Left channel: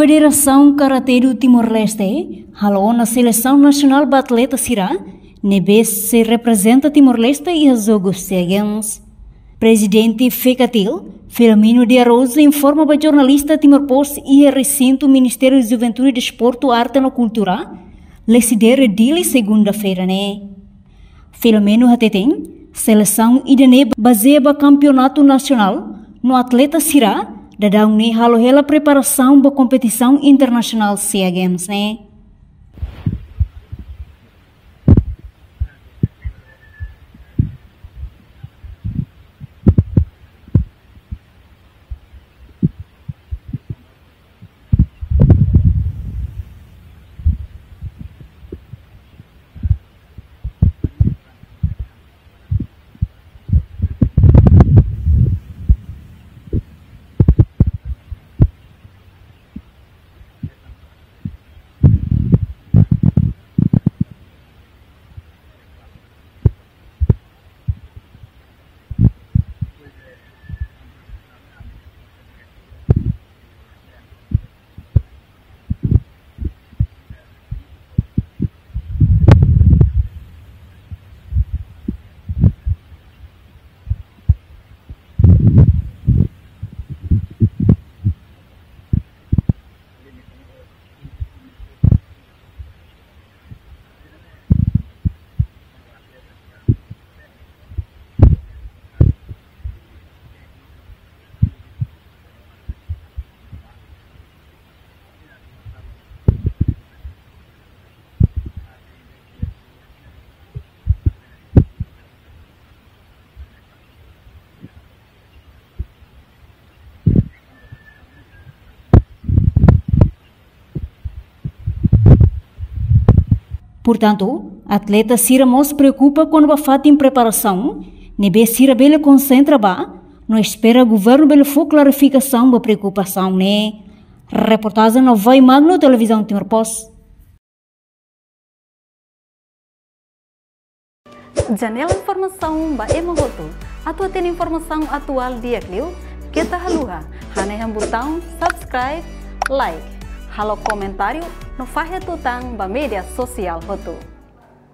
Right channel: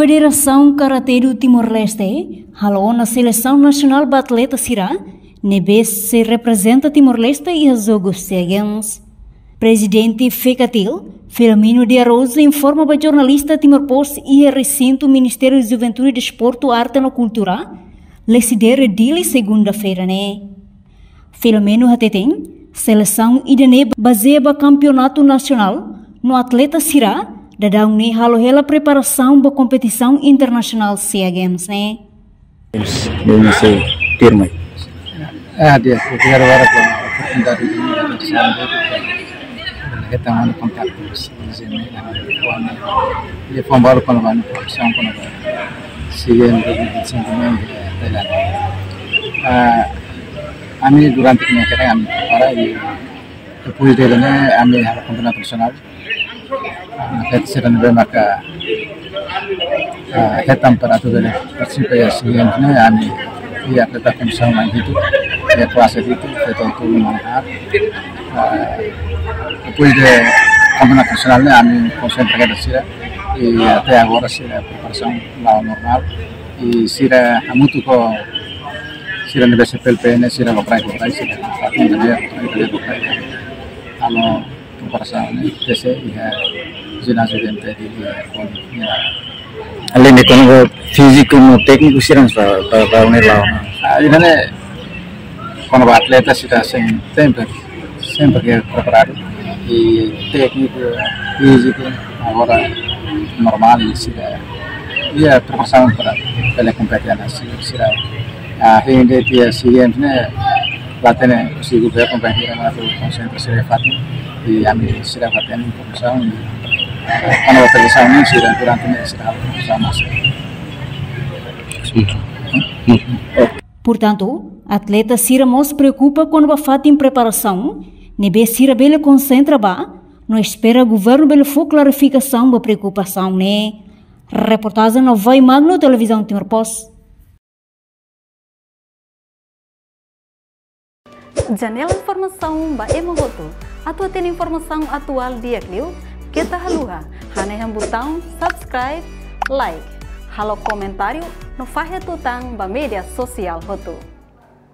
Federação Karatê do Timor-Leste halou na Seleção Nacional de Atleta Sira, nebe se representa Timor-Leste e os Jogos Games. Presidente FECATIL, Filomeno de Araujo, informa para jornalista Timor-Post e recinto Ministério de Juventude, Desporto, Arte e Cultura, lecidere dele segunda-feira, né? Filomeno Hateteng, seleção idane baseia campeonato nacional no atleta Sira, dadang ni halo-hela preparação para competição internacional SEA Games, né? Belum saya firma. Dia biar orang dari kita mana kontak terus sini dia pembaru penemuan sama penemuan sehingga sentimen Thailand. Kami durante kenyataan kami para di Kepui Delene kami harap pembenahan nasional dan sedang maka hitam pada tu dari persibaya sehingga kami dia tetap bersama itu dia kuasa itu kita itu melihat Kepui de pembenahan nasionalnya kami konsentrasi sira até agora sira preparação lá normal e sira muito com sira nebe PLPN sira comprar sira até dia ano preparação desse ginásio dentro de Além de como físico e técnico sira para unir lá. Ini quando o atleta sira sempre que preparado e técnico físico agora normal e sira ia preparação para pela competência sira ainda dia seguinte né latihan consigo ver competência na concentração de fato e a mim sira latihan preparação e quando a preparação ini sira durante mês sira sama. Portanto, atleta Sira se preocupa quando a fata em preparação, nebe Sira bele concentra ba, não espera governo bele for clarificação da preocupação, né? Reportagem no Vai Magno Televisão Timor-Post. Janela informação ba emogoto, atua tem informação atual dia kliu, kita haluha, haneham botão subscribe, like, halo comentário no fahe tutang ba media sosial hotu.